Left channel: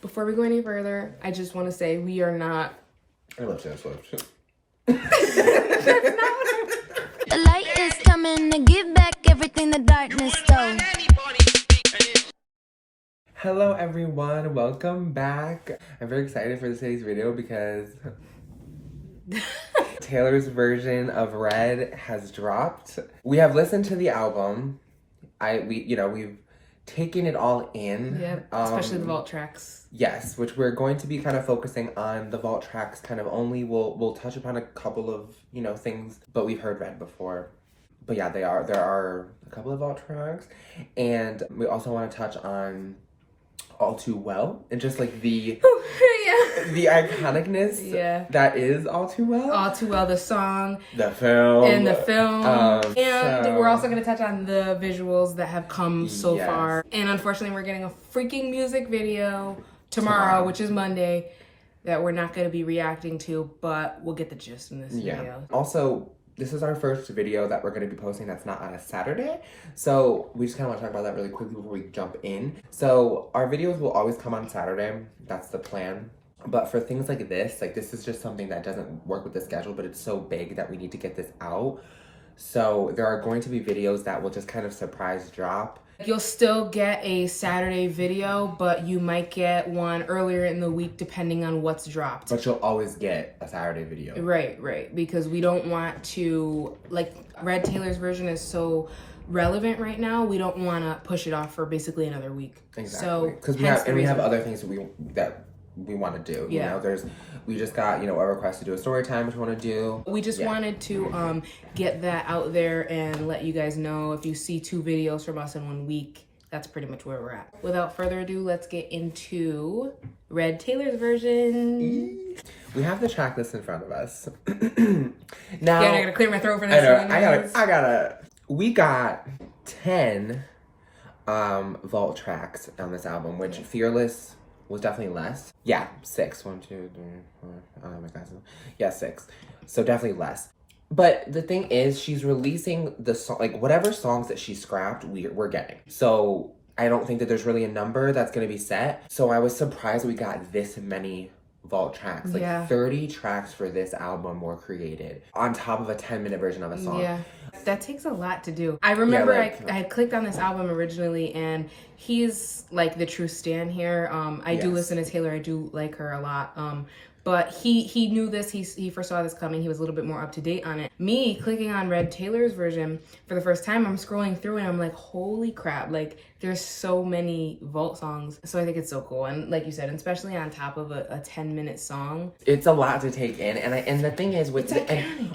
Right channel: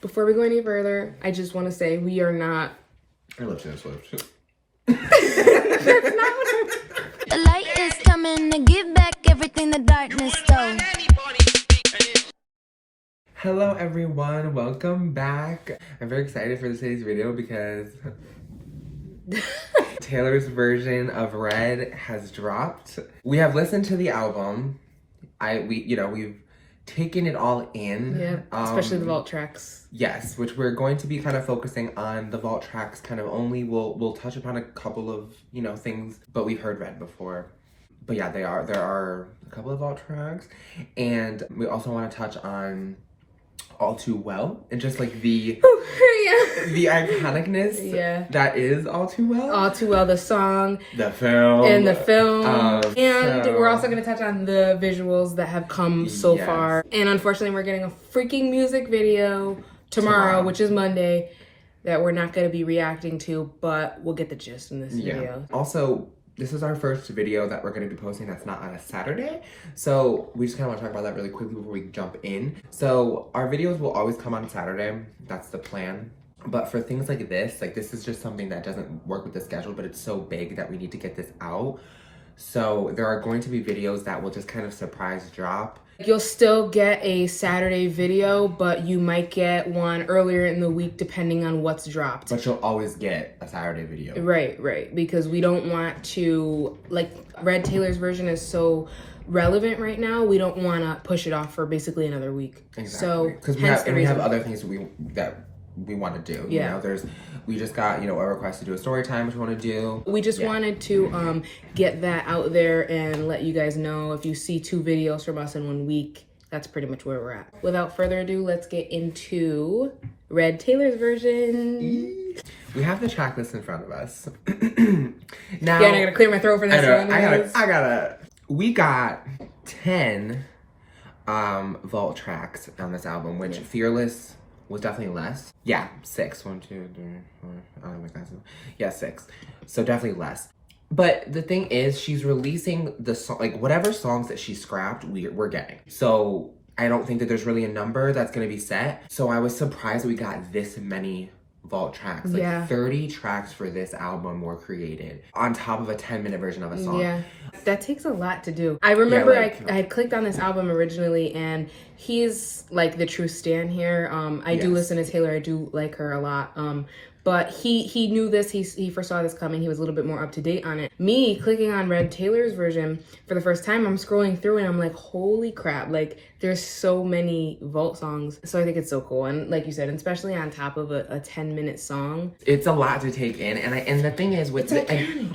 Before we go any further, I just want to say we are not. I love Taylor Swift. That's not what I'm. The light is coming to give back everything the darkness stole. Hello everyone, welcome back. I'm very excited for today's video because Taylor's version of Red has dropped. We have listened to the album. We've taken it all in. Yeah, especially the vault tracks. Yes, which we're going to be kind of focusing on the vault tracks kind of only. We'll touch upon a couple of, things, but we've heard Red before. But yeah, there are a couple of vault tracks. And we also want to touch on All Too Well and just like the iconicness that is All Too Well. All Too Well, the song. The film. And the film. And so we're also going to touch on the visuals that have come so far. And unfortunately, we're getting a freaking music video tomorrow, which is Monday, that we're not going to be reacting to, but we'll get the gist in this video. Also, this is our first video that we're going to be posting that's not on a Saturday. So we just kind of want to talk about that really quickly before we jump in. So our videos will always come on Saturday. That's the plan. But for things like this is just something that doesn't work with the schedule, but it's so big that we need to get this out. So there are going to be videos that will just kind of surprise drop. You'll still get a Saturday video, but you might get one earlier in the week depending on what's dropped. But you'll always get a Saturday video. Right. Because we don't want to, Red Taylor's version is so relevant right now, we don't want to push it off for basically another week. Exactly. So, because we have other things that we want to do. We just got, a request to do a story time, which we want to do. We just wanted to get that out there and let you guys know if you see 2 videos from us in 1 week, that's pretty much where we're at. Without further ado, let's get into Red Taylor's version. We have the track list in front of us. Now, I'm gonna clear my throat for this one. We got 10 vault tracks on this album, which Fearless was definitely less. Yeah, 6. 1, 2, 3, 4. Oh my God. Yeah, 6. So definitely less. But the thing is, she's releasing the song, whatever songs that she scrapped, we're getting. So I don't think that there's really a number that's gonna be set. So I was surprised that we got this many vault tracks. 30 tracks for this album were created on top of a 10-minute version of a song. Yeah, that takes a lot to do. I remember I had clicked on this album originally, and he's the true stan here. I do listen to Taylor. I do like her a lot. But he knew this. He foresaw this coming. He was a little bit more up to date on it. Me clicking on Red Taylor's version for the first time, I'm scrolling through and I'm like, holy crap! There's so many vault songs. So I think it's so cool. And like you said, especially on top of a 10-minute song, it's a lot to take in. And the thing is, with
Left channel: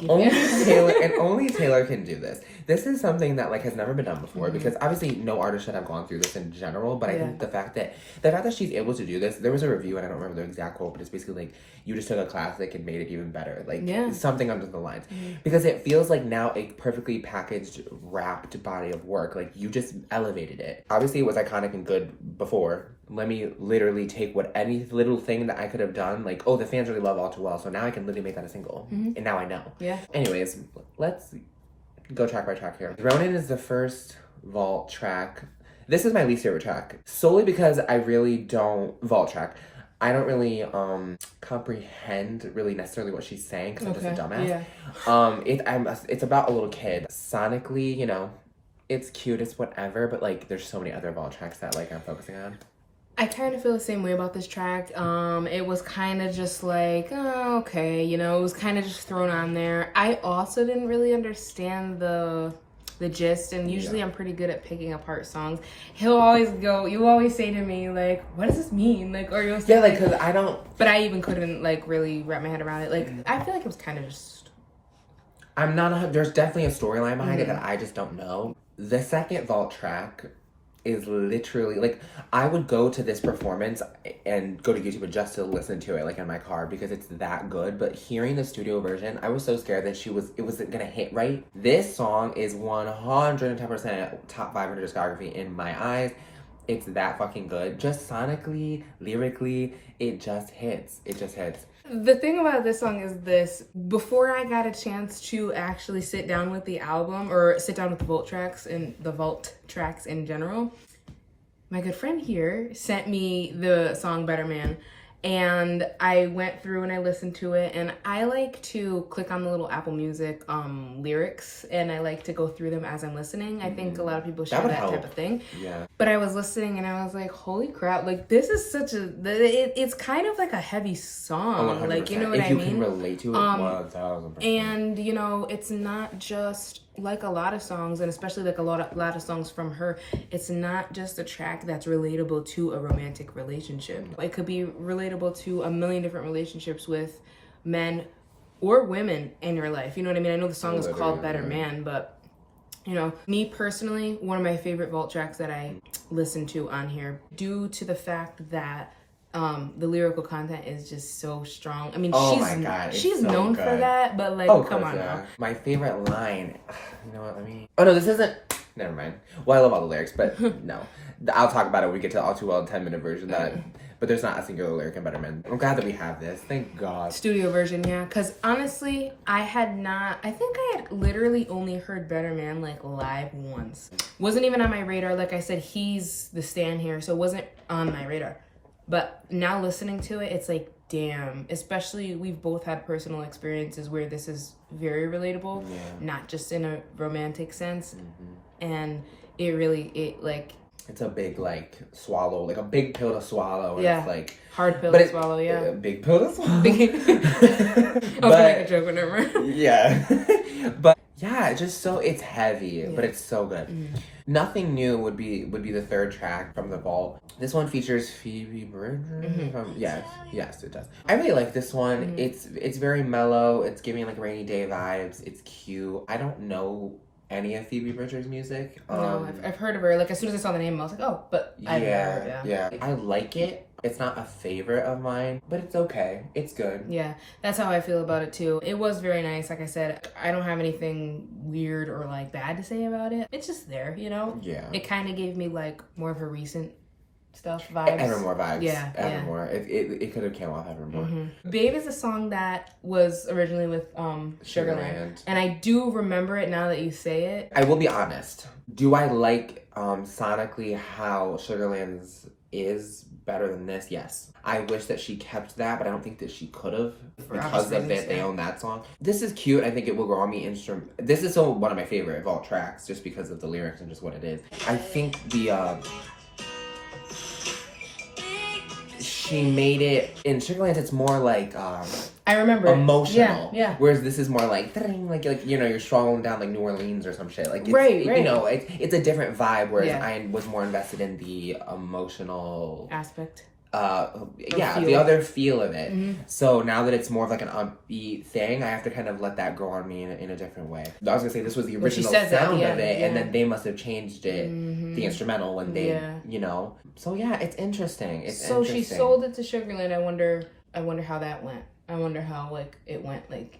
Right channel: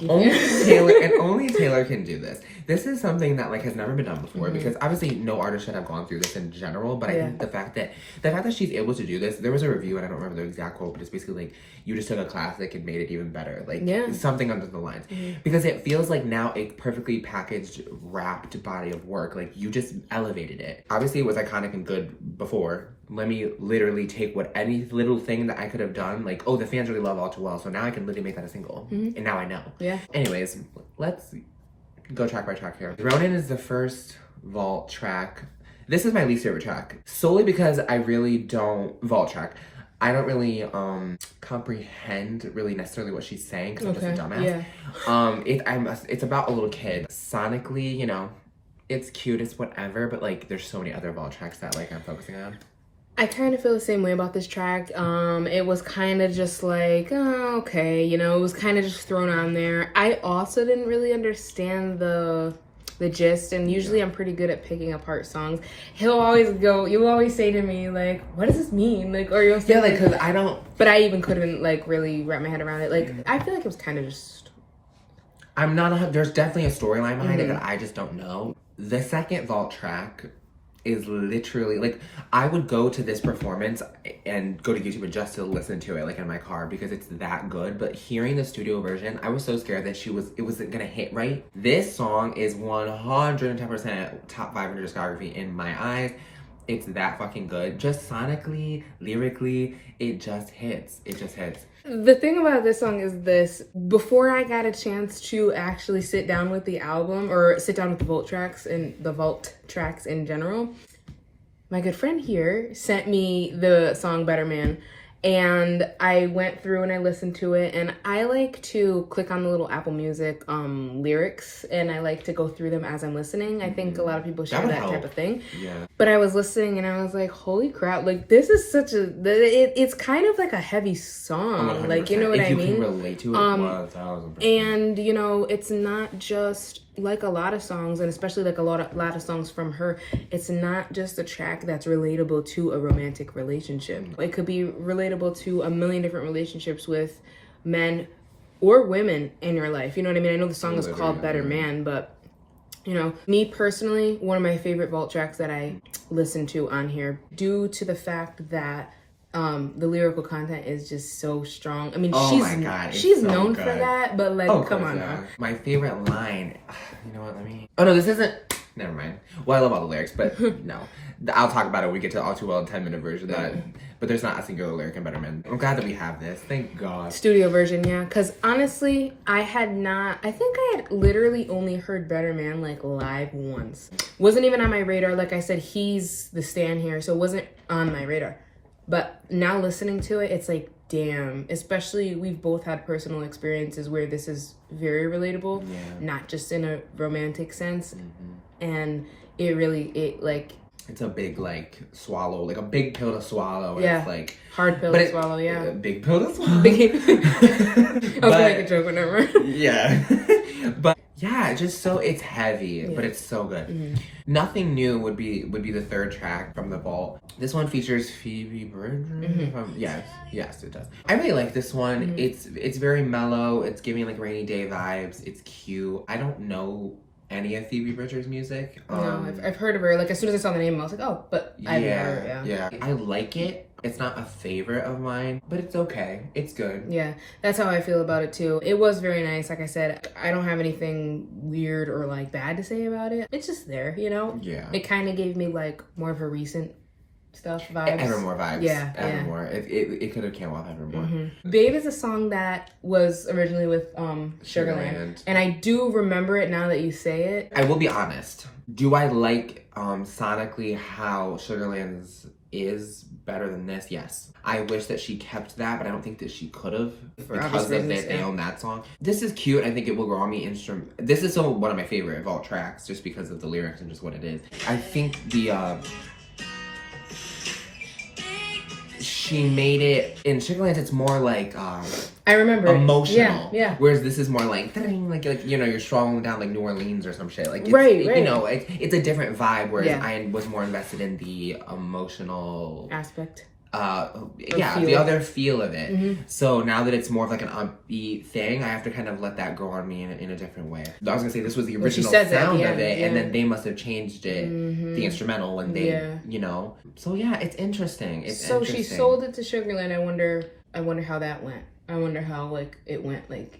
only Taylor can do this. This is something that has never been done before, because obviously no artist should have gone through this in general. But I think the fact that she's able to do this, there was a review and I don't remember the exact quote, but it's basically you just took a classic and made it even better. Something under the lines. Because it feels like now a perfectly packaged, wrapped body of work. You just elevated it. Obviously it was iconic and good before. Let me literally take any little thing that I could have done. The fans really love All Too Well, so now I can literally make that a single. And now I know. Yeah. Anyways, let's go track by track here. Ronin is the first vault track. This is my least favorite track, solely because I really don't vault track. I don't really comprehend really necessarily what she's saying, because I'm just a dumbass. It's about a little kid. Sonically, it's cute, it's whatever, but there's so many other vault tracks that I'm focusing on. I kind of feel the same way about this track. It was kind of just okay, it was kind of just thrown on there. I also didn't really understand the gist, and usually I'm pretty good at picking apart songs. You always say to me, what does this mean? Or you'll say, because I don't... But I even couldn't, really wrap my head around it. I feel like it was kind of just... There's definitely a storyline behind it that I just don't know. The second vault track is literally I would go to this performance and go to YouTube just to listen to it in my car, because it's that good. But hearing the studio version, I was so scared that it wasn't gonna hit right. This song is 110% top 500 discography in my eyes. It's that fucking good. Just sonically, lyrically, it just hits. The thing about this song is this: before I got a chance to actually sit down with the album, or sit down with the vault tracks in general, my good friend here sent me the song Better Man. And I went through and I listened to it, and I like to click on the little Apple Music lyrics, and I like to go through them as I'm listening. I think a lot of people share that type of thing. Yeah. But I was listening and I was like, holy crap, like this is such a, it's kind of like a heavy song. 100%. Like, you know what I mean? If you can relate to it, 1000%. And, you know, it's not just like a lot of songs, and especially like a lot of songs from her, it's not just a track that's relatable to a romantic relationship. It could be relatable to a million different relationships with men or women in your life. You know what I mean? I know the song is called Better Man, but you know, me personally, one of my favorite vault tracks that I listen to on here, due to the fact that the lyrical content is just so strong. I mean, she's so known for that, but like, come on now. My favorite line, you know what, oh no, this isn't, never mind. Well, I love all the lyrics, but no. I'll talk about it when we get to All Too Well in 10-minute version. But there's not a singular lyric in Better Man. I'm glad that we have this. Thank God. Studio version, yeah. Because honestly, I think I had literally only heard Better Man like live once. Wasn't even on my radar. Like I said, he's the stan here, so it wasn't on my radar. But now listening to it, it's like, damn. Especially, we've both had personal experiences where this is very relatable, not just in a romantic sense. And it's a big, like, swallow, like a big pill to swallow. Yeah. It's like hard pill to swallow, yeah. A big pill to swallow. I was gonna make a joke, whenever. Yeah. But yeah, it's heavy, but it's so good. Nothing New would be the third track from the vault. This one features Phoebe Bridgers. Yes, it does. I really like this one. It's very mellow. It's giving like rainy day vibes. It's cute. I don't know any of Phoebe Bridgers' music. No, I've heard of her. Like as soon as I saw the name, I was like, oh, but I've never. Yeah. I like it. It's not a favorite of mine, but it's okay. It's good. Yeah, that's how I feel about it too. It was very nice. Like I said, I don't have anything weird or like bad to say about it. It's just there, you know? Yeah. It kind of gave me like more of a recent stuff vibes. Evermore vibes. Yeah. Evermore. It could have came off Evermore. Babe is a song that was originally with Sugarland. And I do remember it now that you say it. I will be honest. Do I like sonically how Sugarland's is better than this? Yes. I wish that she kept that, but I don't think that she could have because of that they own that song. This is cute. I think it will grow on me This is so one of my favorite vault tracks just because of the lyrics and just what it is. I think she made it in Sugarland. It's more like I remember emotional. Yeah. Whereas this is more like you know, you're strolling down like New Orleans or some shit. Like right. You know, it's a different vibe. Whereas I was more invested in the emotional aspect. The other feel of it. So now that it's more of like an upbeat thing, I have to kind of let that grow on me in a different way. I was gonna say this was the original sound of it, and then they must have changed it, the instrumental, when they, you know. So yeah, it's interesting. She sold it to Sugarland. I wonder how that went. I wonder how like it went, like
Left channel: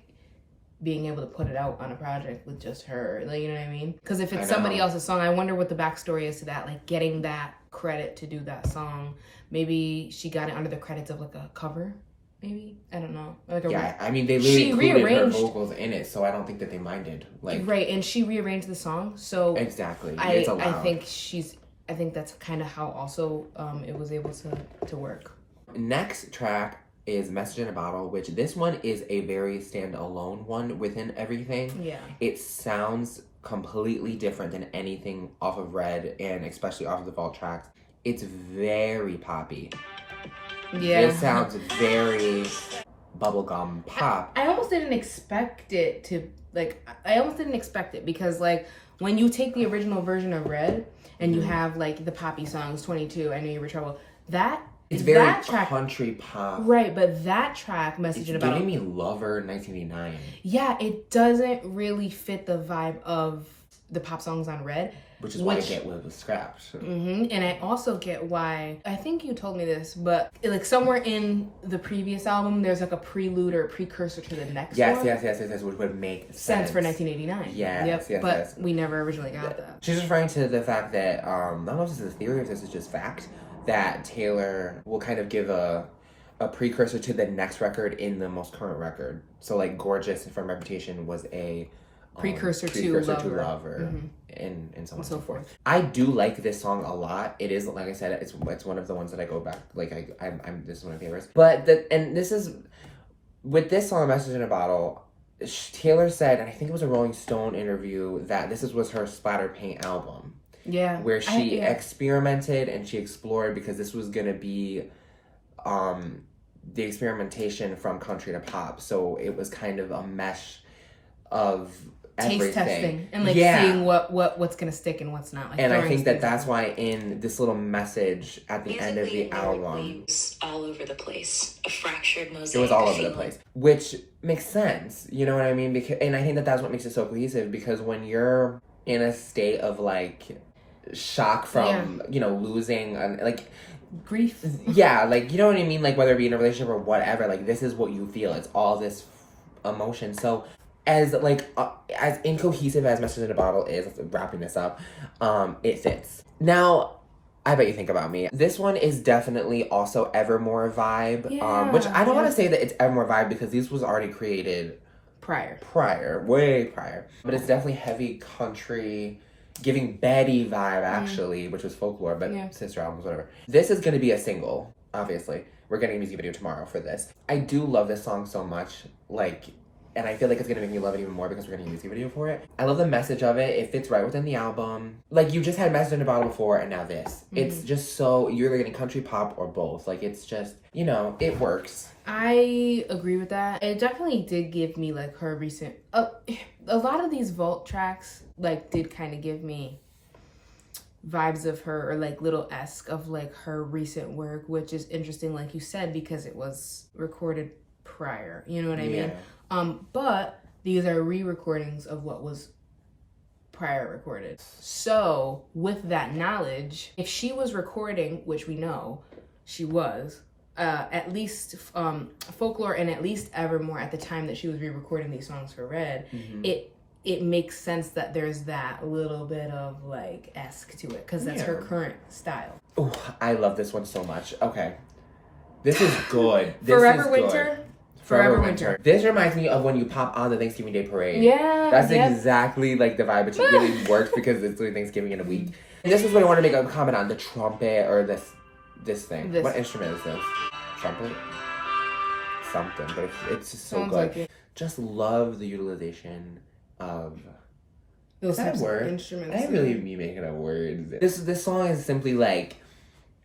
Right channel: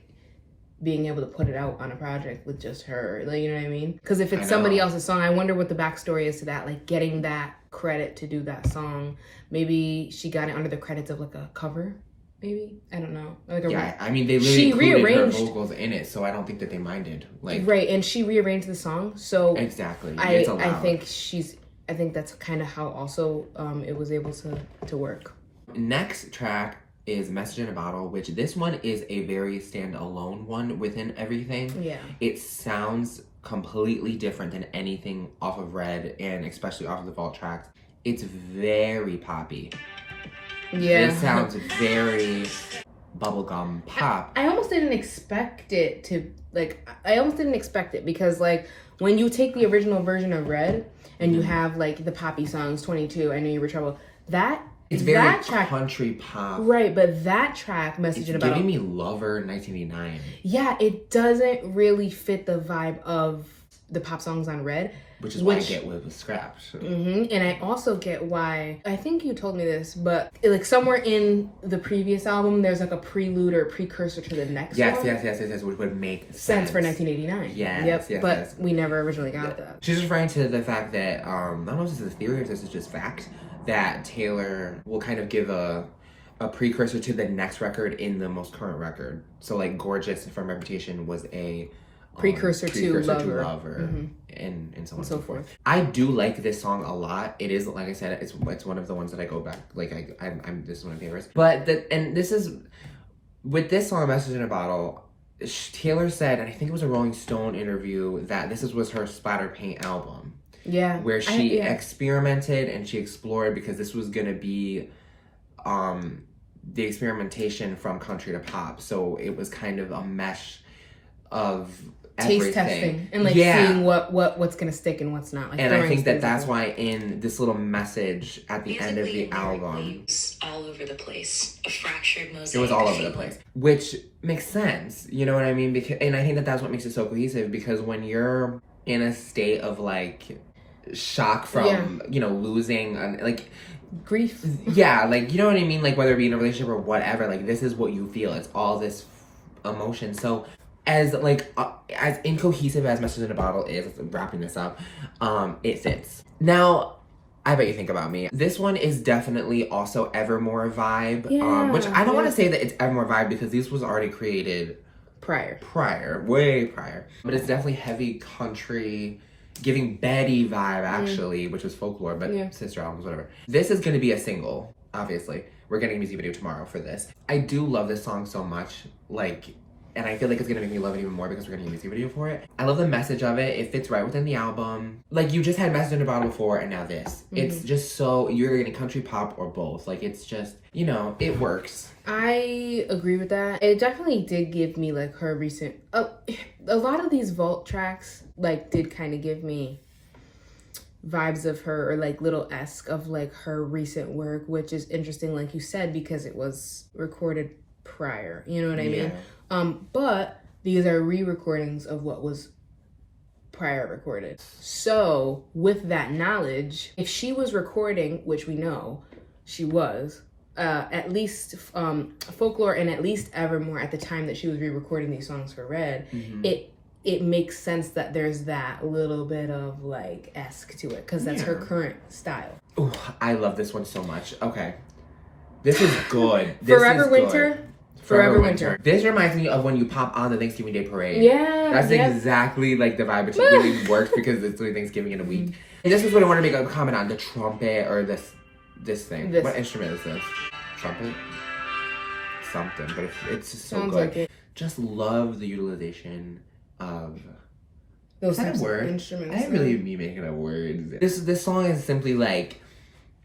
being able to put it out on a project with just her, like, you know what I mean? Because if it's somebody else's song, I wonder what the backstory is to that, like getting that credit to do that song. Maybe she got it under the credits of like a cover, maybe, I don't know. Like I mean, they really included her vocals in it, so I don't think that they minded. Like right, and she rearranged the song, so exactly. I think that's kind of how also it was able to work. Next track is Message in a Bottle, which this one is a very standalone one within everything. Yeah. It sounds completely different than anything off of Red, and especially off of the vault tracks. It's very poppy. Yeah. It sounds very bubblegum pop. I almost didn't expect it because like when you take the original version of Red and you have like the poppy songs, 22, I Knew You Were Trouble, it's very country pop. Right, but that track, Message in a Bottle, giving me Lover 1989. Yeah, it doesn't really fit the vibe of the pop songs on Red. Which is why I get what was scrapped. And I also get why, I think you told me this, but like somewhere in the previous album, there's like a prelude or a precursor to the next one. Yes, which would make sense for 1989. Yes, but we never originally got that. She's referring to the fact that, I don't know if this is a theory or if this is just fact, that Taylor will kind of give a precursor to the next record in the most current record. So like Gorgeous from Reputation was a precursor to Lover. And so on and so forth. I do like this song a lot. It is, like I said, it's one of the ones that I go back, like I'm this is one of my favorites. But this is, with this song, Message in a Bottle, Taylor said, and I think it was a Rolling Stone interview, that this was her splatter paint album. Yeah. Where she experimented and she explored, because this was gonna be the experimentation from country to pop. So it was kind of a mesh of taste testing and seeing what's gonna stick and what's not. And I think that's why in this little message at the end of the album, all over the place, a fractured mosaic. It was all over the place, which makes sense. You know what I mean? Because, and I think that's what makes it so cohesive. Because when you're in a state of shock from losing, grief. Yeah, you know what I mean? Whether it be in a relationship or whatever, this is what you feel. It's all this emotion. So as incohesive as Message in a Bottle is, wrapping this up, it fits. Now, I Bet You Think About Me. This one is definitely also Evermore vibe, which I don't want to say that it's Evermore vibe, because this was already created way prior. But it's definitely heavy country, giving Betty vibe, actually, which was folklore, but sister albums, whatever. This is going to be a single, obviously. We're getting a music video tomorrow for this. I do love this song so much, and I feel like it's going to make me love it even more because we're getting a music video for it. I love the message of it. It fits right within the album. You just had Message in a Bottle before, and now this. It's just so, you're either getting country, pop, or both. It's just, it works. I agree with that. It definitely did give me, her recent... a lot of these vault tracks, did kind of give me vibes of her, or little esque of her recent work, which is interesting, like you said, because it was recorded prior. You know what I mean? But these are re-recordings of what was prior recorded. So with that knowledge, if she was recording, which we know she was, at least folklore and at least Evermore at the time that she was re-recording these songs for Red, it makes sense that there's that little bit of esque to it, because that's her current style. Oh, I love this one so much. Okay, this is good. Forever Winter. Forever Winter. This reminds me of when you pop on the Thanksgiving Day Parade. Yeah. That's exactly the vibe. It really works because it's Thanksgiving in a week. And this is what I want to make a comment on, the trumpet, or this thing. What instrument is this? Trumpet? Something, but it's just so good. Just love the utilization of those types of instruments. I really be making up words. This song is simply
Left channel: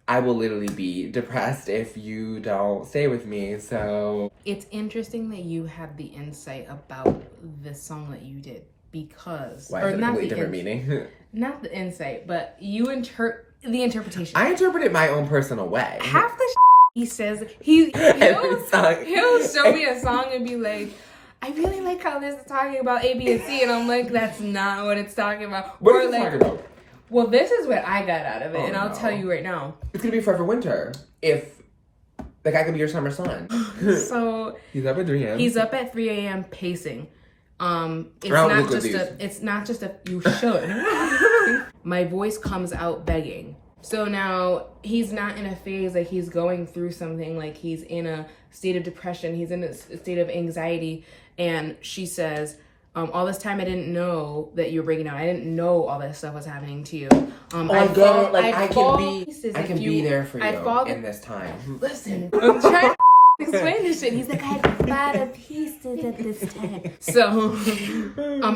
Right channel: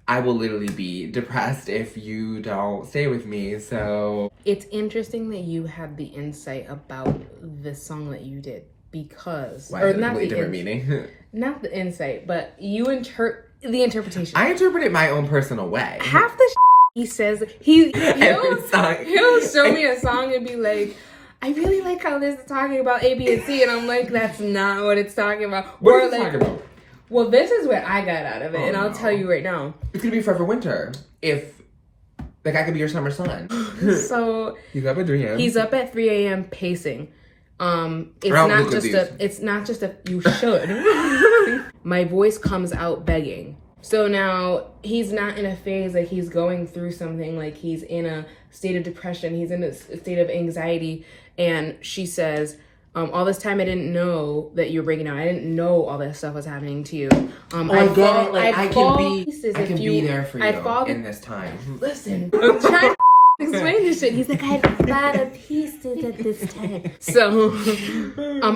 I will literally be depressed if you don't stay with me. So it's interesting that you had the insight about this song that you did, because meaning. Not the insight, but you the interpretation. I interpret it my own personal way. Half the he says, he'll show me a song and be like, I really like how this is talking about A, B, and C, and I'm like, that's not what it's talking about. What is it talking about? Well, this is what I got out of it, and I'll tell you right now. It's gonna be Forever Winter. If I could be your summer sun. So he's up at 3 a.m. He's up at 3 a.m. pacing. It's not just a you should. My voice comes out begging. So now he's not in a phase he's going through something, he's in a state of depression, he's in a state of anxiety, and she says, all this time I didn't know that you were breaking down. I didn't know all this stuff was happening to you. I can be there for you in this time. Listen, I'm trying to explain this shit. He's like, I had to fall to pieces at this time. So,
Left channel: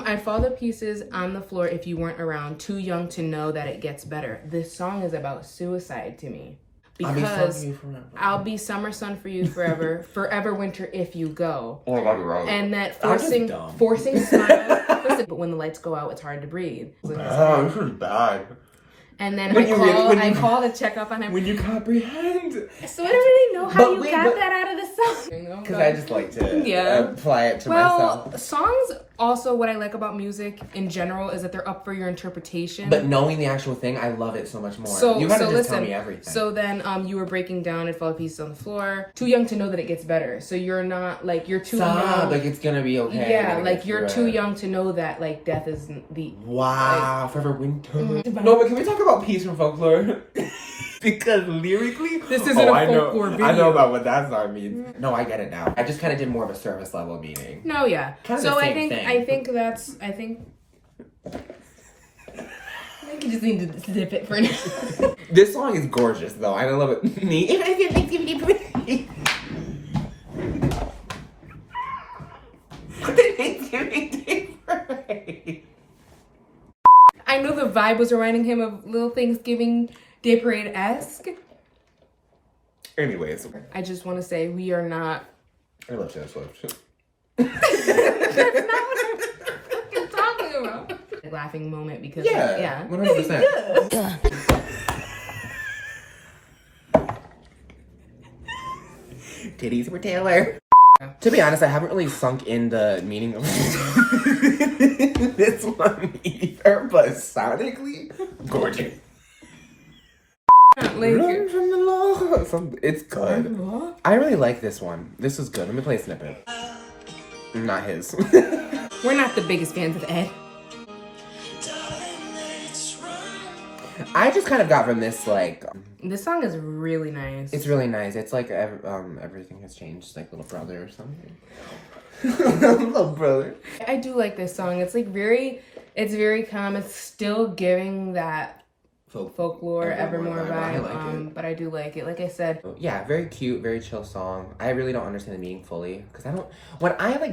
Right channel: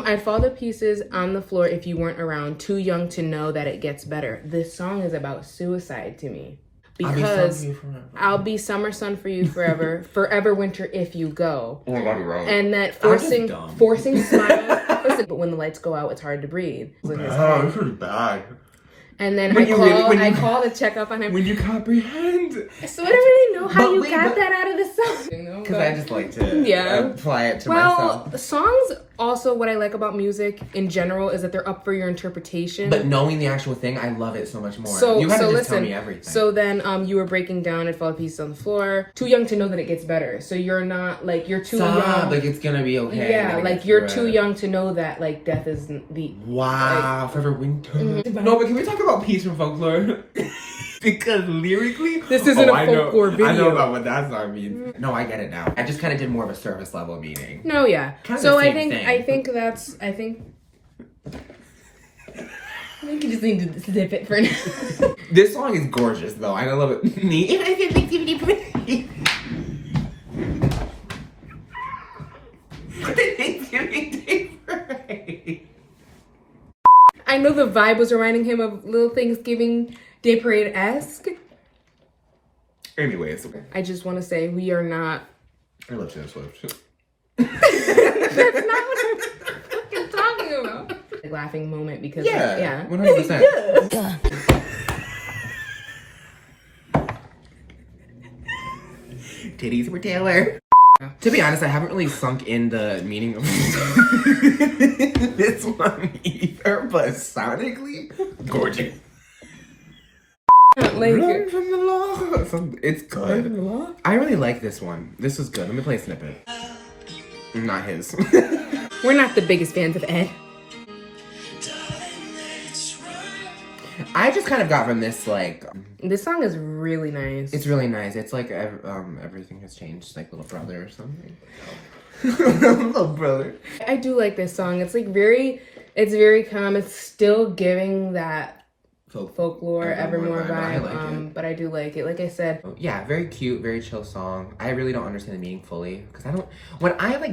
I'd fall to pieces on the floor if you weren't around. Too young to know that it gets better. This song is about suicide to me. Because I'll be summer sun for you forever, forever winter if you go. Oh my God, you're right. And that forcing smile. Listen, but when the lights go out, it's hard to breathe. Oh, this is bad. And then I call to check up on him. When you comprehend. So I don't really know how got that out of the song. Because I just like to apply it to myself. Well, songs, also what I like about music in general is that they're up for your interpretation. But knowing the actual thing, I love it so much more. You have to just tell me everything. So then you were breaking down and fall to pieces on the floor. Too young to know that it gets better. So you're not, you're too young. It's going to be okay. Yeah, you're too young to know that, death is the... Wow, forever winter. Mm-hmm. No, but can we talk about peace from folklore? Because lyrically, this isn't a folklore video. I know about what that song means. No, I get it now. I just kind of did more of a surface level meaning. No, yeah. Kind of So the I same think thing. I think you just need to zip it for now. This song is gorgeous, though. I love it. I know the vibe was reminding him of Little Thanksgiving Day Parade-esque. Anyways, I just want to say we are not. I love Taylor Swift. That's not what I'm fucking talking about. Like, laughing moment because yeah. 100%. Yeah. Titties for Taylor. To be honest, I haven't really sunk in the meaning of this one either, but sonically, gorgeous. Like, Run from the law. It's good. I really like this one. This is good. Let me play a snippet. Not his. we're not the biggest fans of Ed. I just kind of got from this, like... This song is really nice. It's really nice. It's like everything has changed, like Little Brother or something. Little Brother. I do like this song. It's like it's very calm. It's still giving that folklore Evermore vibe. I like it. But I do like it. Like I said, yeah, very cute, very chill song. I really don't understand the meaning fully because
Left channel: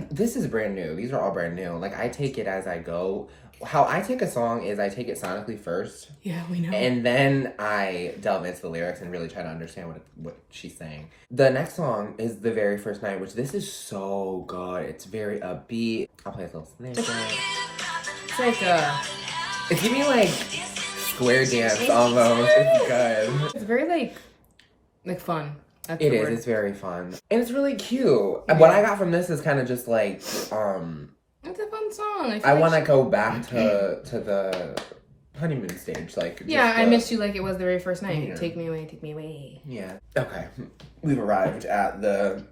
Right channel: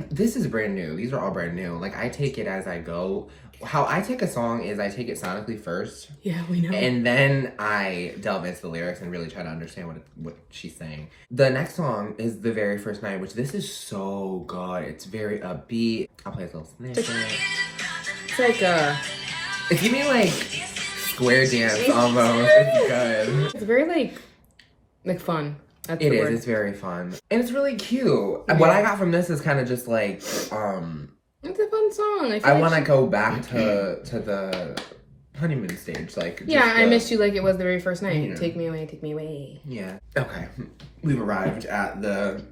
this is brand new. These are all brand new. Like I take it as I go. How I take a song is I take it sonically first. Yeah, we know. And then I delve into the lyrics and really try to understand what she's saying. The next song is The Very First Night, which this is so good. It's very upbeat. I'll play a little snippet. It's like It's giving me like square dance almost. It's good. it's very like fun. That's It the is. word. It's very fun. And it's really cute. Yeah. What I got from this is kind of just like, It's a fun song. I want to go back to the honeymoon stage. Like, Yeah, I missed you like it was the very first night. Yeah. Take me away, take me away. Yeah. Okay. We've arrived at the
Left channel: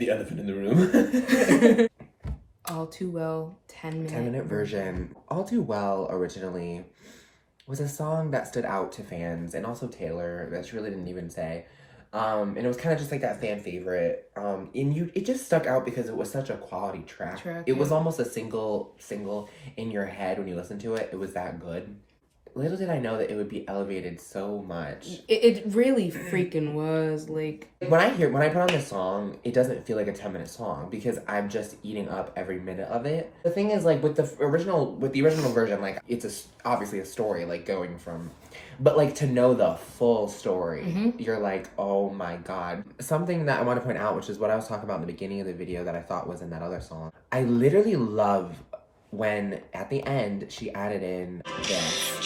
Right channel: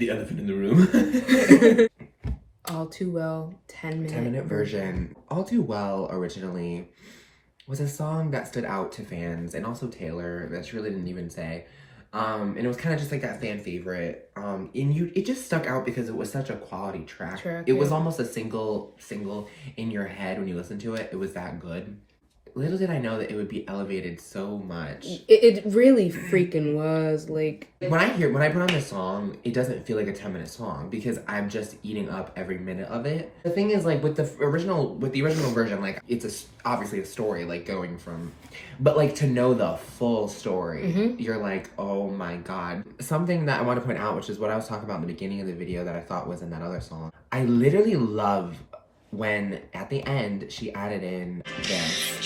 elephant in the room. All Too Well, 10-minute. 10-minute version. All Too Well originally was a song that stood out to fans and also Taylor that she really didn't even say. And it was kind of just like that fan favorite. It just stuck out because it was such a quality track. It was almost a single in your head when you listen to it. It was that good. Little did I know that it would be elevated so much. It really freaking was. Like, when I put on this song, it doesn't feel like a 10-minute song because I'm just eating up every minute of it. The thing is, like with the original version, like it's obviously a story, like going from, but like to know the full story, you're like, oh my god. Something that I want to point out, which is what I was talking about in the beginning of the video that I thought was in that other song. I literally love when at the end she added in this.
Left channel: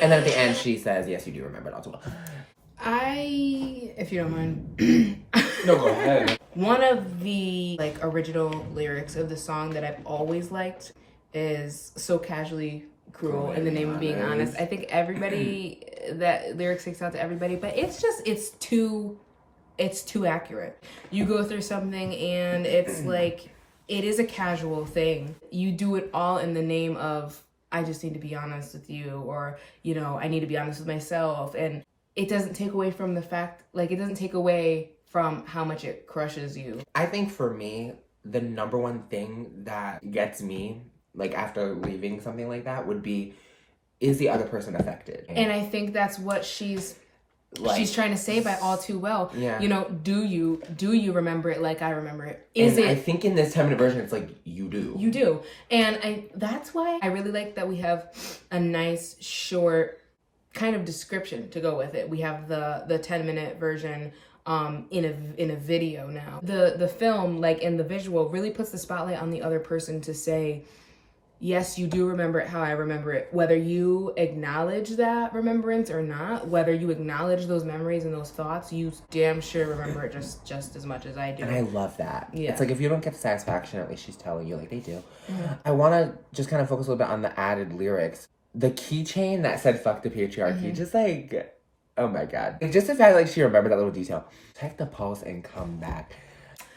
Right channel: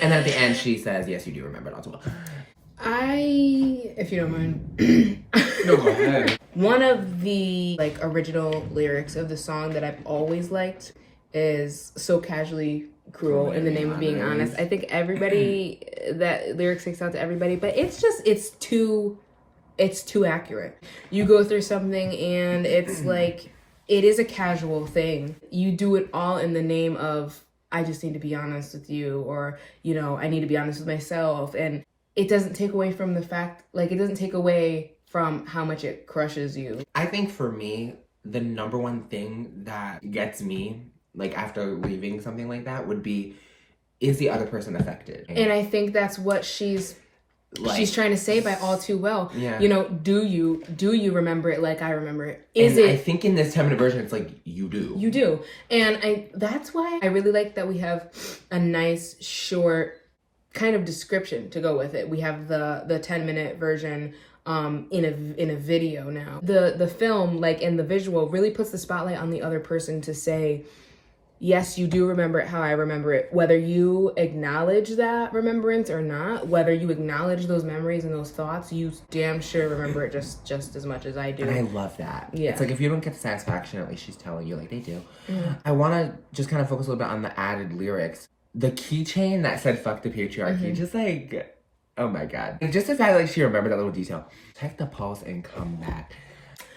And then at the end, she says, yes, you do remember it all too well. if you don't mind. No, go ahead. One of the like original lyrics of the song that I've always liked is "So casually cruel in the name of being honest." I think everybody, that lyric sticks out to everybody, but it's too accurate. You go through something and it's like, it is a casual thing. You do it all in the name of, I just need to be honest with you, or, you know, I need to be honest with myself. And it doesn't take away from the fact, like, it doesn't take away from how much it crushes you. I think for me, the number one thing that gets me, like, after leaving something like that would be, is the other person affected? And I think that's what she's trying to say by All Too Well. Yeah. You know, do you remember it like I remember it? I think in this 10-minute version, it's like, you do. You do. And that's why I really like that we have a nice, short kind of description to go with it. We have the 10-minute version in a video now. The film, like in the visual, really puts the spotlight on the other person to say, yes, you do remember it how I remember it. Whether you acknowledge that remembrance or not, whether you acknowledge those memories and those thoughts, you damn sure remember it just as much as I do. And I love that. Yeah. It's like, if you don't get the satisfaction, at least she's telling you, like, they do. I want to just kind of focus a little bit on the added lyrics. The keychain that said, fuck the patriarchy, just like, oh my god. Just the fact, like, she remembered that little detail. Check the pulse and come back.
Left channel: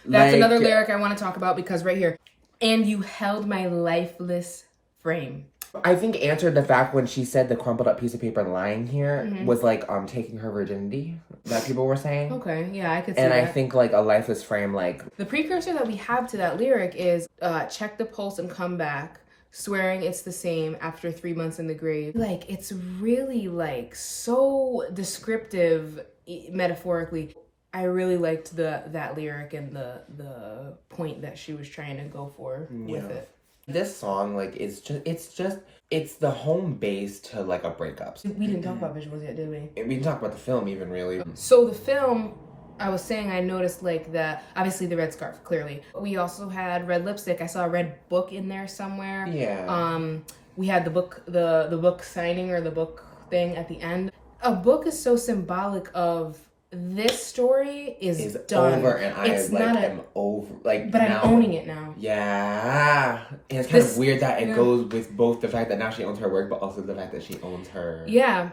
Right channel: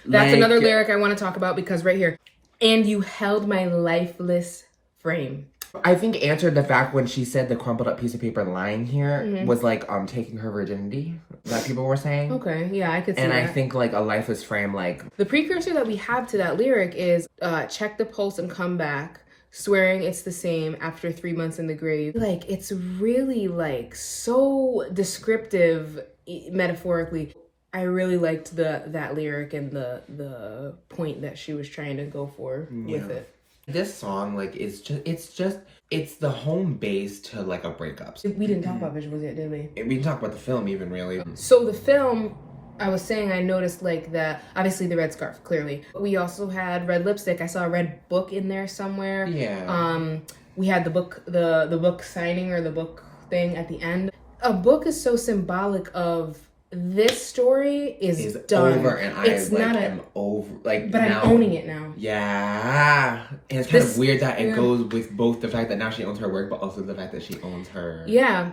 That's another lyric I want to talk about, because right here, and you held my lifeless frame. I think answered the fact when she said the crumpled up piece of paper lying here was like taking her virginity that people were saying. Okay, yeah, I could see and that. I think like a lifeless frame, like the precursor that we have to that lyric is check the pulse and come back, swearing it's the same after 3 months in the grave. Like, it's really like so descriptive metaphorically. I really liked that lyric and the point that she was trying to go for with it. This song, like, it's the home base to, like, a breakup. We didn't talk about visuals yet, did we? We didn't talk about the film even, really. So the film, I was saying, I noticed, like, obviously the red scarf, clearly. We also had red lipstick. I saw a red book in there somewhere. Yeah. We had the book, the book signing or the book thing at the end. A book is so symbolic of this story is done. Over, and it's I not am over. Like, but now, I'm owning it now. Yeah, and it's kind of weird that it goes with both the fact that now she owns her work, but also the fact that she owns her. Yeah.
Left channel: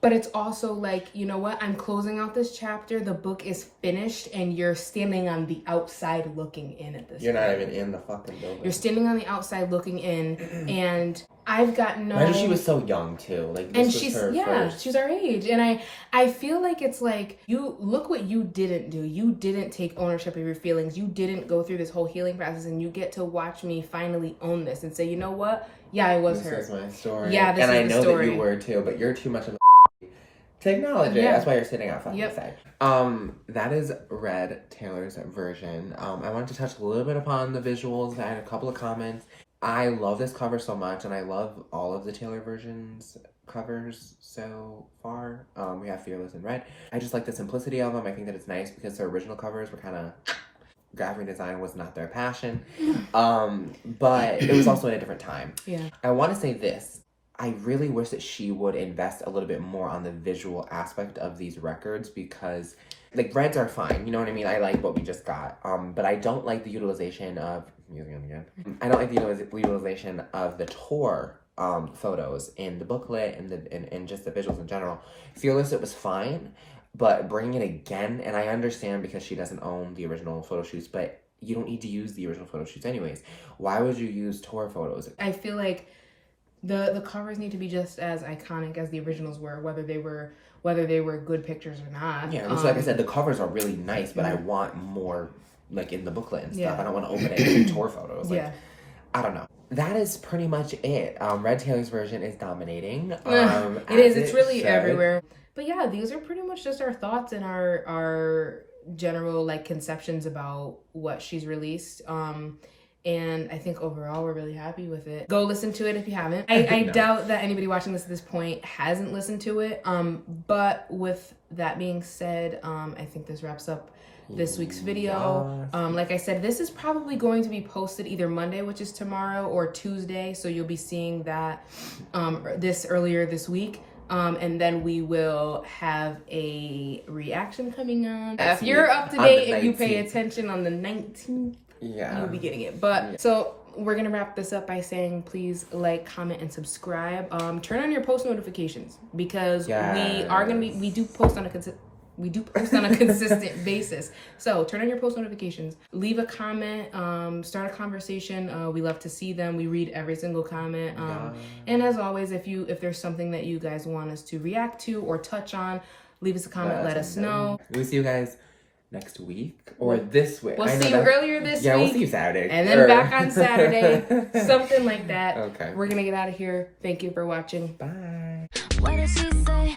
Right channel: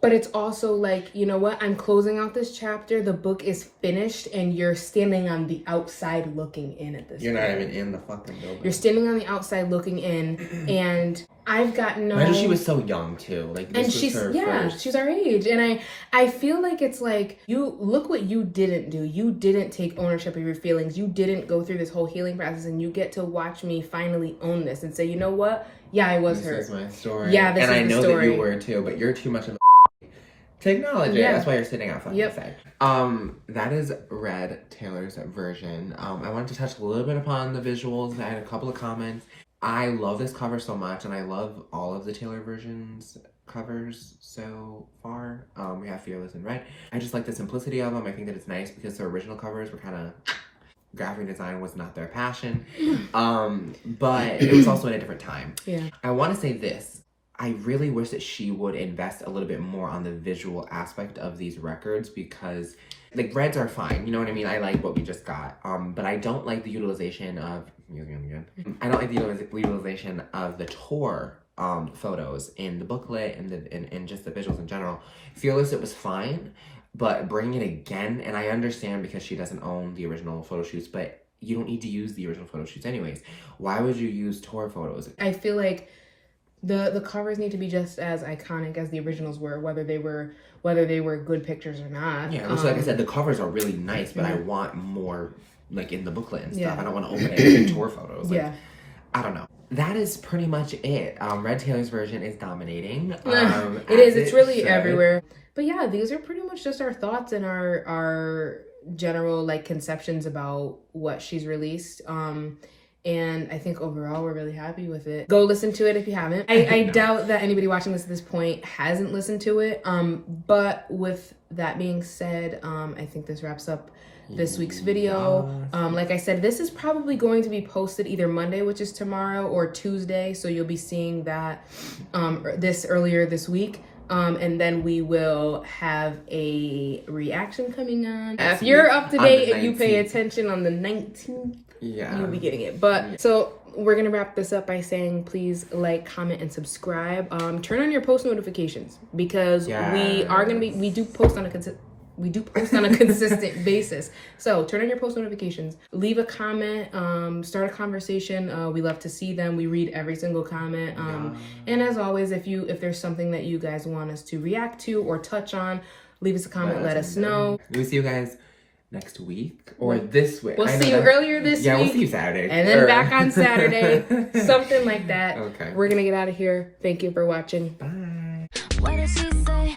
But it's also like, you know what? I'm closing out this chapter. The book is finished, and you're standing on the outside looking in at this. You're not even in the fucking building. You're standing on the outside looking in, and I've gotten no. Imagine she was so young too. Like, this and was she's her first. she's our age, and I feel like it's like, you look what you didn't do. You didn't take ownership of your feelings. You didn't go through this whole healing process, and you get to watch me finally own this and say, you know what? Yeah, I was her. This is my story. Yeah, this is the story. And I know that you were too, but you're too much of the to acknowledge it. That's why you're sitting out fucking side. That is Red Taylor's version. I wanted to touch a little bit upon the visuals. I had a couple of comments. I love this cover so much, and I love all of the Taylor versions covers so far. We have Fearless and Red. I just like the simplicity of them. I think that it's nice because the original covers were kind of graphic design was not their passion. But it was also in a different time. Yeah. I want to say this. I really wish that she would invest a little bit more on the visual aspect of these records, because like reds are fine, you know what I mean? I like what we just got. But I don't like the utilization of I don't like the utilization of the tour photos in the booklet and just the visuals in general. Fearless, it was fine, but bringing it again, and I understand because she doesn't own the original photo shoots, but you don't need to use the original photo shoots anyways. Why would you use tour photos? I feel like the covers need to be just as iconic as the originals were, whether they were good pictures or not. Yeah, so like I said, the covers are really nice, but I want more like in the booklet and stuff. I don't want to open it in tour photos. Like, I don't know. That is pretty much it. Red Taylor's version is dominating. It is. It's really everywhere. But yeah, these are pretty much just our thoughts and our general like conceptions about what she's released. And I think overall we're really happy with it. Go listen to it if you haven't. I doubt that anybody watching this at this point hasn't listened to it. But with that being said, I think this wraps up this week's video. Like I said, this is probably going to be posted either Monday, which is tomorrow, or Tuesday. So you'll be seeing that this earlier this week. And then we will have a reaction coming on. If you're up to date and you pay attention on the 19th, you'll be getting it. But so we're gonna wrap this up by saying, please like, comment, and subscribe. Turn on your post notifications, because we do post on a consistent basis. So turn on your post notifications, leave a comment, start a conversation. We love to see them. We read every single comment. And as always, if there's something that you guys want us to react to or touch on, leave us a comment. Let us know. We'll see you guys next week or this week. We'll see you earlier this week. Yeah, we'll see you Saturday. And then back on Saturday. Something like that. Okay. We're gonna get out of here. Thank you for watching. Bye. What did she say?